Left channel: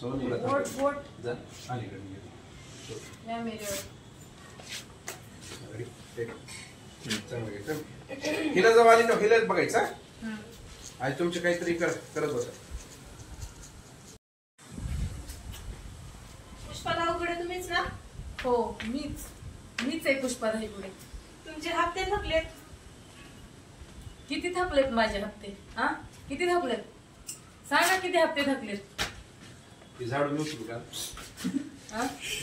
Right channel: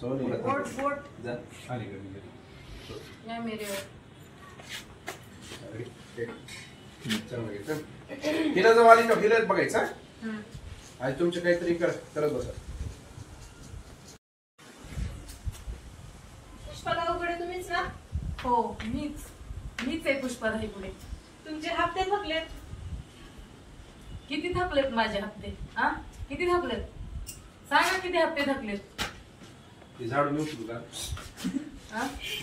Sony vote vote जा आणि कमी नाही मेरे हिला जवळ आली ना हिला बघायचा आज तुमचे काहीतरी करत बसा. पुष्पाताईकडे तुम्हीच ना? हो मीच आहे पुष्पाताईकडे. तुमचे हप्ते थकलेत. किती थकलेत माझे हप्ते? हा किती थकलेत सांगा, किती हप्ते थकलेत? झाडू मी उचलू का?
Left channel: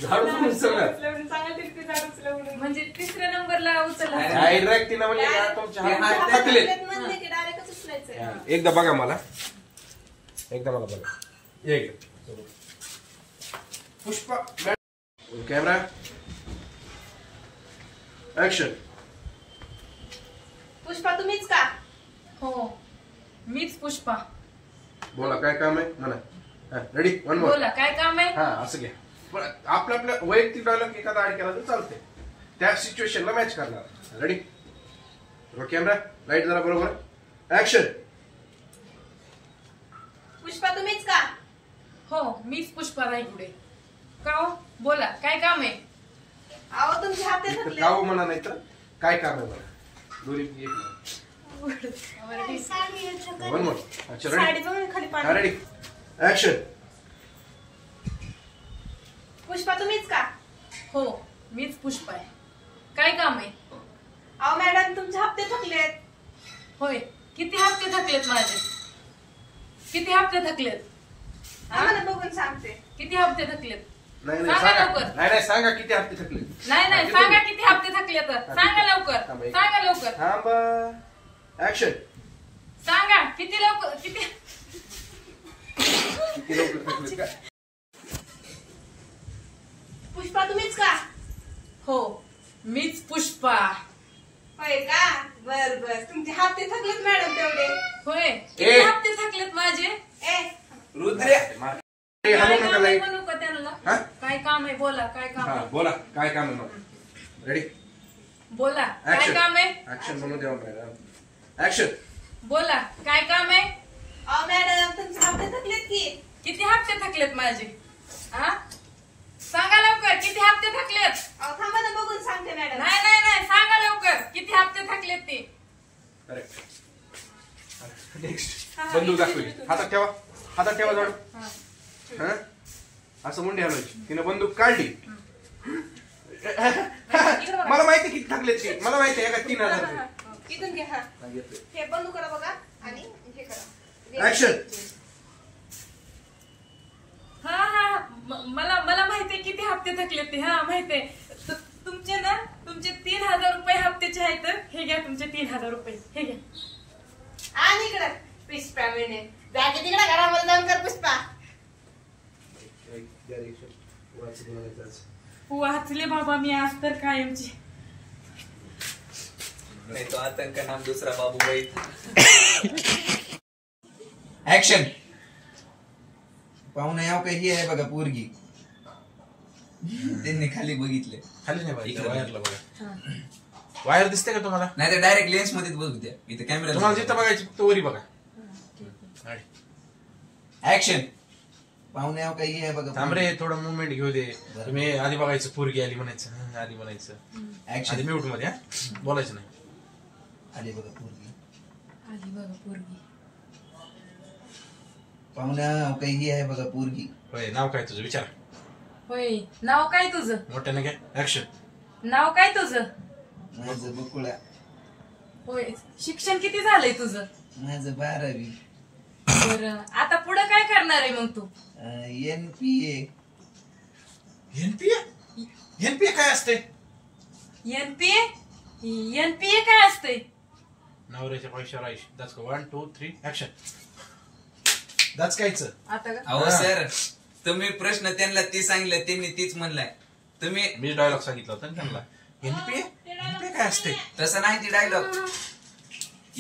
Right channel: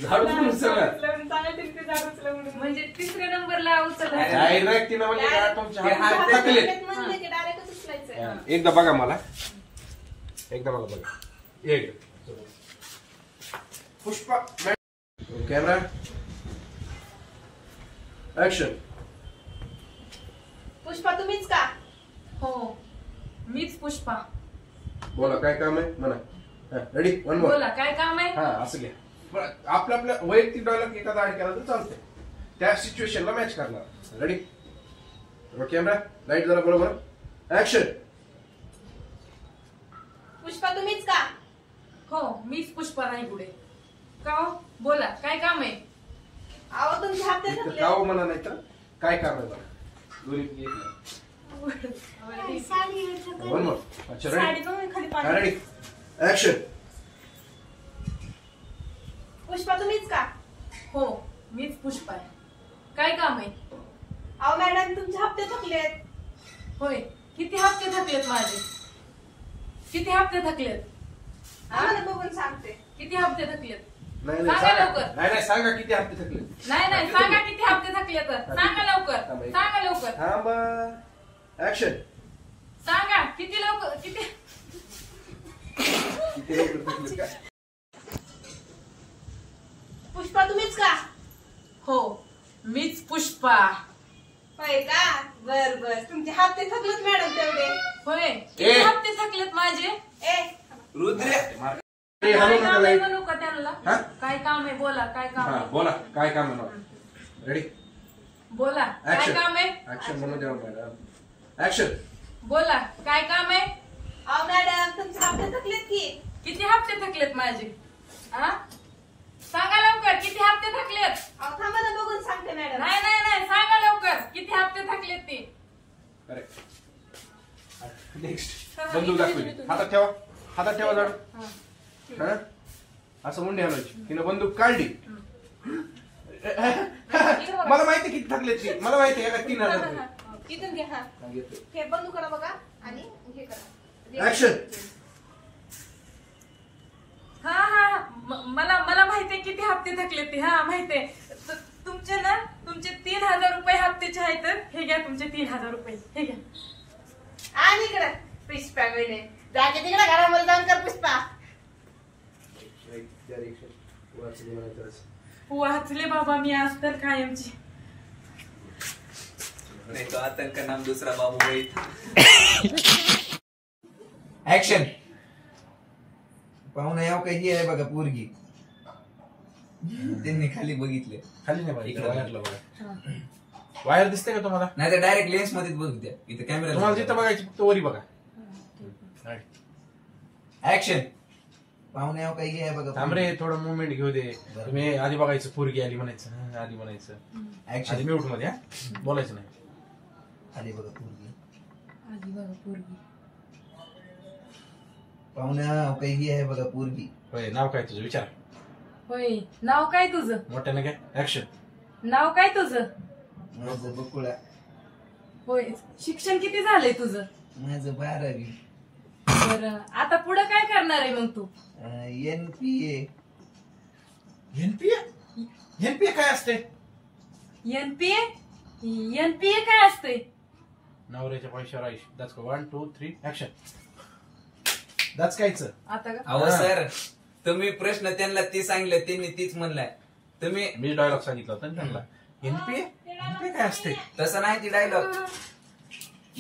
झाडू उचलला म्हणजे तिसऱ्या नंबरला उचलला. एकदा बघा मला, एकदा मला बघा. एक पुष्पा कॅमेरा ऍक्शन. पुष्पा तुम्हीच का? हो मीच पुष्पा. बोला काय काम आहे म्हणा. Ready one more. बोला काय काम आहे? हा असं घ्या. आपल्या वैयक्तिक डायलॉग एखादा ऍड केला तर चालते, त्या सिच्युएशनला मॅच करणार. रेडी कॅमेरा लाईट जरा बरोबर ऍक्शन. पुष्पा तुम्हीच का? हो मीच पुष्पा रायगुडे. का हो बोला काय काम आहे? अहो तुमचे हप्ते थकले. गाव म्हणा नाही तर काय काम आहे मला दोन्ही एक वन मोर. अच्छा साडी रेडी बघून खाली पाणी. Ready action. पुष्पा तुम्हीच का? हो मीच पुष्पा आहे. काय काम आहे? अहो मॅडम तुमचे हप्ते थकलेत. होय किती हप्ते थकलेत माझे? किती हप्ते थकलेत? आम्हाला बघून सांगते. किती हप्ते थकलेत? नाही सांगा सांगा लवकर. नाही सांगा किती हप्ते थकले. नाही सांगा किती हप्ते थकलेत. सांगा लवकर सांगा लवकर. थांबा ऍक्शन. सांगा किती लवकर किती लवकर थकले का? पुष्पा तुम्हीच का? हो मीच पुष्पा. होय का? बर बर तुमचे हप्ते थकलेत मॅडम तेवढे. होय किती हप्ते थकलेत माझे? रुद्रे काय हॅलो काम नका आहे लाईट. म्हणू का त्यांना? हा? काय काम आहे बोला काय काम हा आहे? बोला काय काम आहे मला. रेडी बोला काय ऍक्शन. काम आहे? ऍक्शन म्हणून द्या मॅडम. ऍक्शन. बोला काय काम आहे? अहो मॅडम तुमचे हप्ते थकलेत की. किती हप्ते थकलेत माझे? हा सांगा लवकर किती हप्ते थकलेत? अहो थांबा ना बघून सांगते मॅडम. नाही सांगा लवकर किती हप्ते थकलेत ते. अरे नेक्स्ट बंदूक दाखवली. हातात ठेवा झाडू. हा असं मुंडी हलवायची. तिने बंदूक काढली. मला माहिती किती थकलेत ती. मला माहिती आहे का 3000 रुपये. इथून घ्या. हा हे बंद करा बघा आणि हे करा. ऍक्शन. हा मला माहितीये किती हप्ते थकले ते. हा माहितीये. तुमचे 3000 रुपये हप्त्याचे आहेत. हे घ्या तुमचे 3000 रुपये हे घ्या. आणि इकडे पुष्पा मिळणे जागे तिकडे घरामध्ये जाऊन कर पुष्पा. वाचले बाबा मी आज तर कायमची. नहीं तो आतंक का नाम दूसरा बाबू भाई. ऍक्शन. पाहुणा याव काही आहे बघा पोरगी. त्यांनी खाली बघितले. खाली नाही बघा वायरला बघा. वायर दिसते का तुम्हाला? नाही तर डायरेक्ट लेन्स मध्ये बघू द्या. इथे कॅमेरा तुम्हाला जिथं बघायची फक्त वरी बघा. ऍक्शन. पाहुणे याव काही आहे बघा. थांब रे थोडं मुवमेंट घेऊ दे. तुम्ही आधी बघायचं पोरगी आली म्हणायचं. आधी म्हणायचं. ऍक्शन. आधी म्यूट मध्ये बोलायचं नाही. आली बघा पोरगी. आली बघा पोरगी. पाहुण्या काही आहे बघा पोरगी. होय नाव काय तुझं विचार. होय नाव काय तुझं? मोठ्याने काय ऍक्शन. नाव काय तुझं? माझं बकुळा. होय शिक्षण किती झालंय तुझं? माझं 12वी. बरं आता पुढे काय करणार आहे मग तू? NPA. एनपीए काय असते? एनपीए काय असते? नवऱ्याच्या पैशावर आयुष. That's 1 2 3 action. दॅट्स कायचं आता का? अहो सर तुम्ही प्रश्न त्यांना ती सांगितलं त्यांनी तीच म्हणलाय. तुम्ही मी डायलॉग सांगितला होता त्यांना. एनपीए काय असते? तसं नाही ती डायलॉग.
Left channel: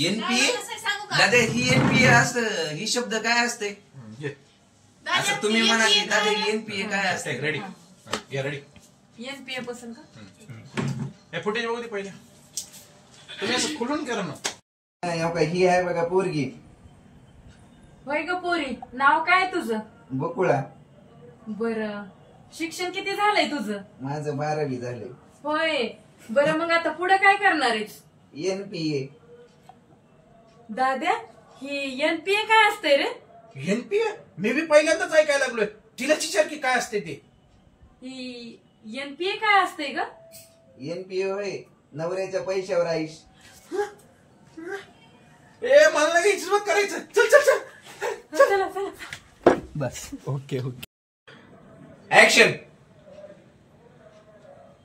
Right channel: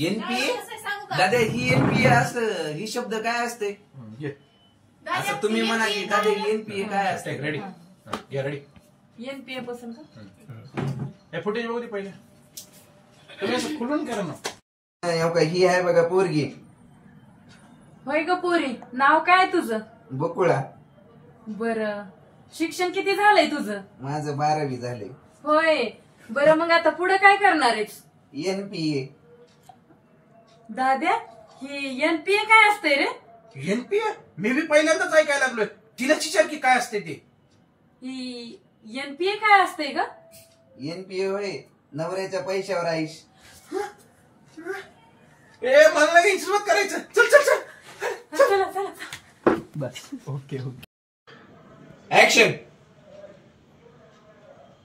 NPA दादा ही NPA असं ही शब्द काय असते असं तुम्ही म्हणा की दादा NPA काय असते. रेडी या रेडी. एनपीए पसंत का? हे फुटेज बघू दे पहिले. तुम्ही असं खुलून करा ना. ही आहे बघा पोरगी. होय ग पोरी नाव काय तुझं? बकुळा. बर, शिक्षण किती झालंय तुझं? माझं 12वी झालंय. होय. बरं, मग आता पुढे काय करणार आहेस? NPA. दाद्या, ही NPA काय असते रे? एनपीए मी बी पहिल्यांदाच ऐकायला लागलोय. तिलाच विचार की काय असते ते. ही NPA काय असते ग? NPA होय, नवऱ्याच्या पैशावर आईश. ए मला नाही हिशोब करायचं. चल चल चल. चला चला. बस ओके ओके. ऍक्शन.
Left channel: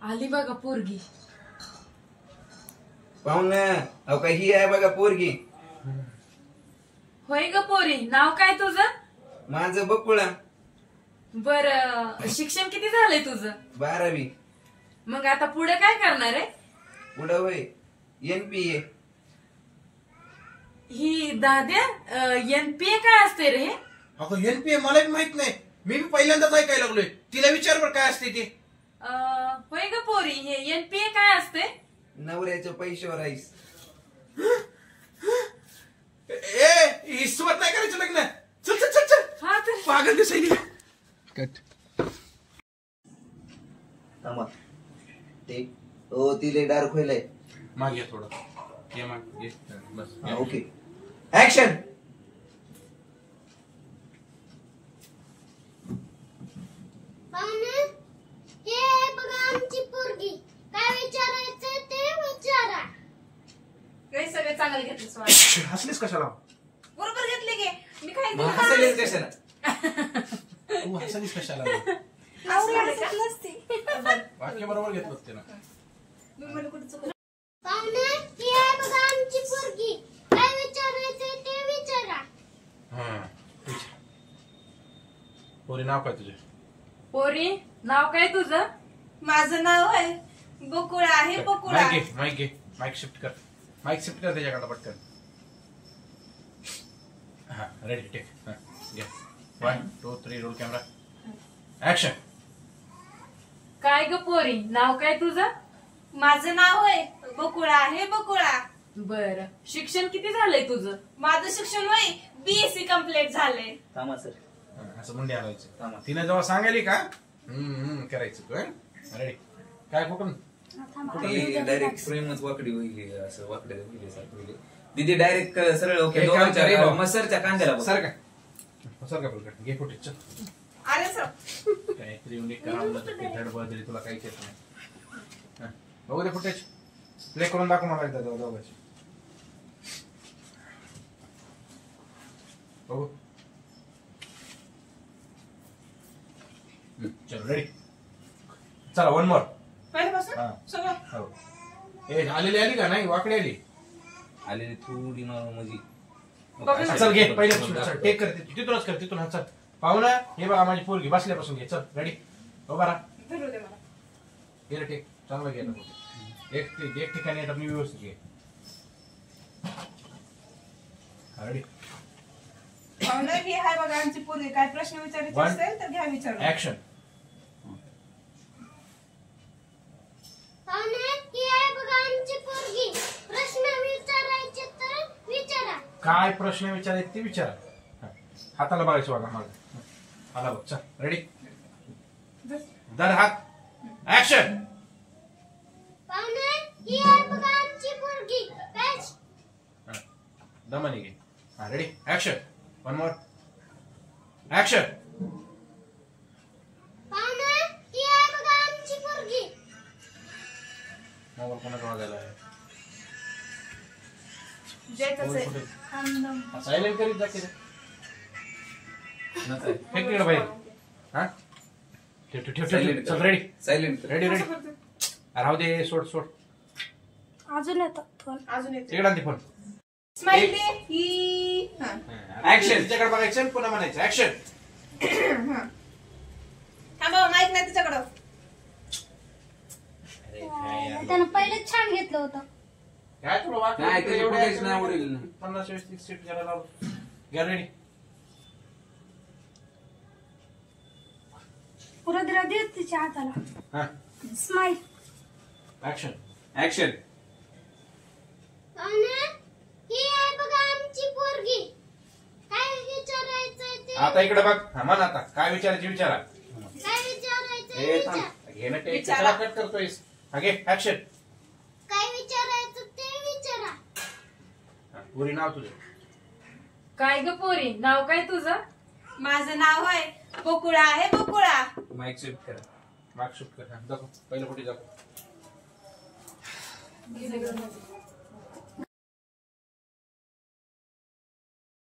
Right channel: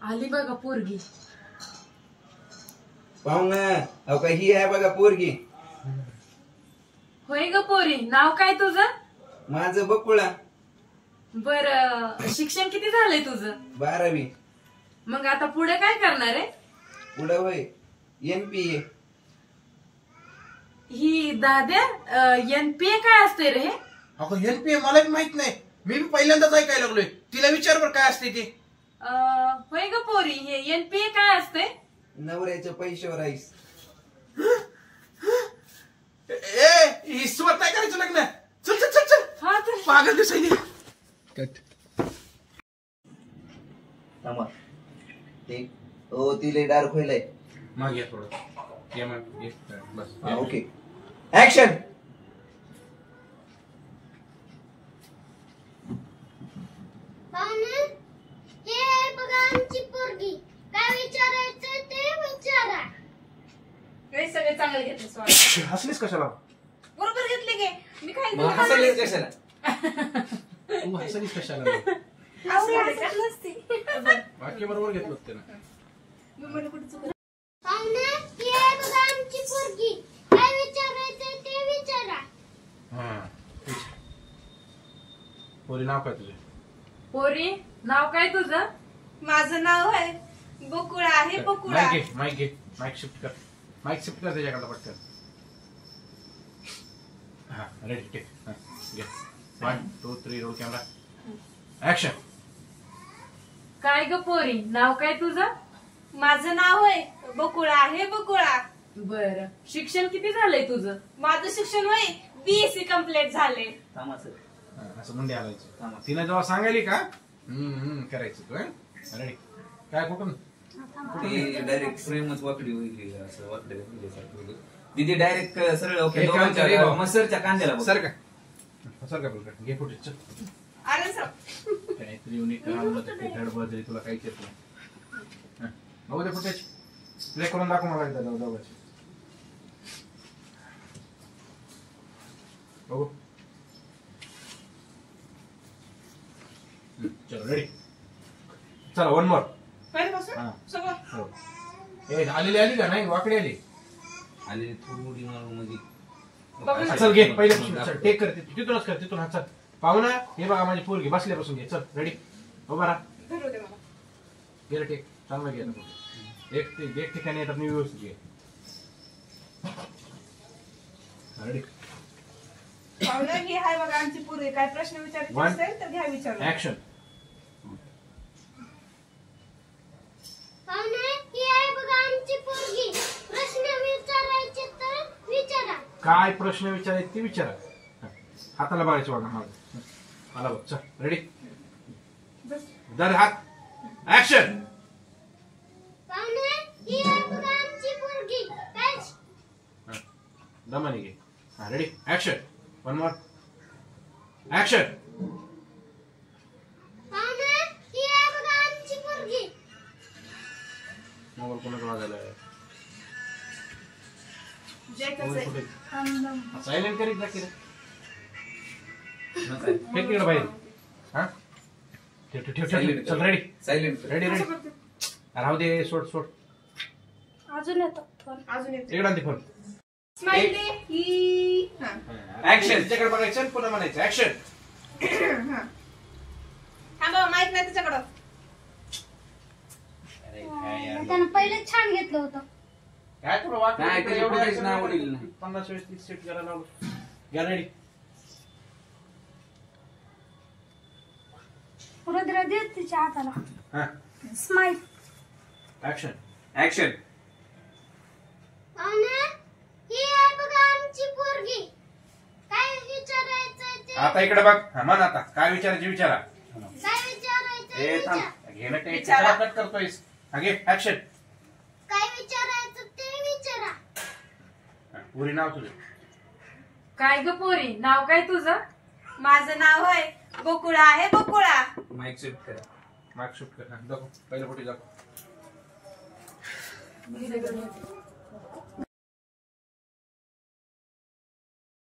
आली बघा पोरगी. पाहुणा, अहो का ही आहे बघा पोरगी. होय ग पोरी, नाव काय तुझं? माझं बकुळा. बर, शिक्षण किती झालंय तुझं? 12वी. मग आता पुढे काय करणार आहे? पुढं होय, NPA. ही दाद्या, NPA काय असते रे? अगं एनपीए मला बी माहित नाही. मी बी पहिल्यांदाच ऐकायला लागलोय. तिला विचार बरं काय असते ते. होय ग पोरी, हे NPA काय असते? नवऱ्याच्या पैशावर आईश. ए हिशोबात नाही करायचं लग्न. चल चल चल चल. हा तर पागल दिसायली. थांबा. ते ओ तिले डार्क होईलय. माग घ्या थोडं. ये मग ये. बस. ओके. ऍक्शन. पाहुणे, हे बघा आमची पोरगी. काय विचारायचं ते विचारा. काही सगळे चांगले घेतले सोडा. हसलीस कशाला? बरोबर घेतले गे. मी काय मग हसायलेच कशाला? तू हसलीस कशाला? वाक्य बरोबर घेतलं होतं ना. पाहुणे, हे बघा आमची पोरगी. काय विचारायचं ते विचारा. पोरी नाव काय तुझे? पोरी, नाव काय तुझं? माझं नाव आहे बकुळा. आहे बकुळा. माईक घे. माईक शिफ्ट कर. माईक शिफ्ट कर त्याच्याकडे पटकन. हा रेडी टेक. घे. 1 2 3 रोल कॅमेरा ऍक्शन. काय ग पोरी, नाव काय तुझं? माझं नाव आहे बकुळा. आहे बकुळा. बर, शिक्षण किती झालंय तुझं? माझं शिक्षण वय BSc कम्प्लीट झाले. थांबा सर. असं मुंडी आलायचं. तिने जेव्हा सांगायली का करायचं तू. रेडी. काय कुठून? डायरेक्ट फ्रेमच वाकडी होईल असं वाकडे दिदी डायरेक्ट सरळ ओके. एक काम कर रे भाऊ. मसरच्या कांद्याला बघ. सर का सर का बोलतो. घे फुटेज. चल. आलं सर. काहीतरी युनिक धडबड तुला काहीच येत नाही. बघू दे फुटेज. प्ले करून दाखव मला एकदा दोघांची. बघू. चलो रेडी. चला 1 मोर. पहिल्यापासून हा. सगळं. हो. ए आली का नाही? वाकडी आली. आलेली थोडी म्हणजे बघ ना. चल घे पहिले. टेक कर. तिथूनच कर. तिथून. हा चल. पाहुणा, हे बघा माझी पोरगी बसल्यापासून घे. चल रेडी. हो बरा. धरू दे मला. घे रे टेक. चांगलं घे ना. एक ठिकाणी येतात मी व्यवस्थित घे. रेडी. पाहुणं, ही आहे बघा आमची पोरगी. काय प्रश्न विचारायचे One. असेल तर घ्या विचारून. ऍक्शन. पाहुणे, ही आहे बघा आमची पोरगी. प्रश्न विचारायचे तर विचारा. काय प्रश्न विचारायचे ते विचारा. हाताला बघायचं बघा मला. आला बघ. चल रेडी. दर हात. ऍक्शन. पाहुणे, ही आहे बघा आमची पोरगी. काय दमाने घे. हा रेडी. ऍक्शन. 1 मोर. ऍक्शन. पाहुणे, ही आहे बघा आमची पोरगी. मोबाईल कोणाचा वाजायला आहे? जे कसं आहे. सायलेंट करीत जा की रे. फेक तिकडे बाहेर. हा ठेव ठेव ठेव ठेव. चल रेडी. सायलेंट. Ready ready. राहू दे. सोड सोड. अजून येतो फोन. अजून येतो. तिकडे आणते फोन. स्माइल दे. ही हा. ऍक्शन. तिच्याकडे बघायचं पुन्हा म्हणायचं. ऍक्शन. थांबा, माहित नाही तुझ्याकडं. त्यानं पहिले छान घेतलं होतं. काय थोडं वाटलं. नाही, त्याची फुटेज नाही आवडली. 50 20 30 सीट जरा लावू. घ्या रेडी. रुद्र देत तिच्या हाताला. हा स्माइल. ऍक्शन. ऍक्शन. पाहुणे, ही आहे बघा आमची पोरगी. काय विचारायचं ते आता इकडे बघ. हा म्हण आता. काय विचारायचे विचारा. काय विचारायचं ए विचार. थांब घे ना टेक विचारा. कट करतोयस आगे ऍक्शन काय विचारायचं ते विचारा. पुरी नाव तुझं काय ग पोरी नाव काय तुझं? माझं नाव आहे बकुळा आहे बकुळा. माईक शिफ्ट करा. मार्क शूट कर दाखव पहिलं कुठे दाखव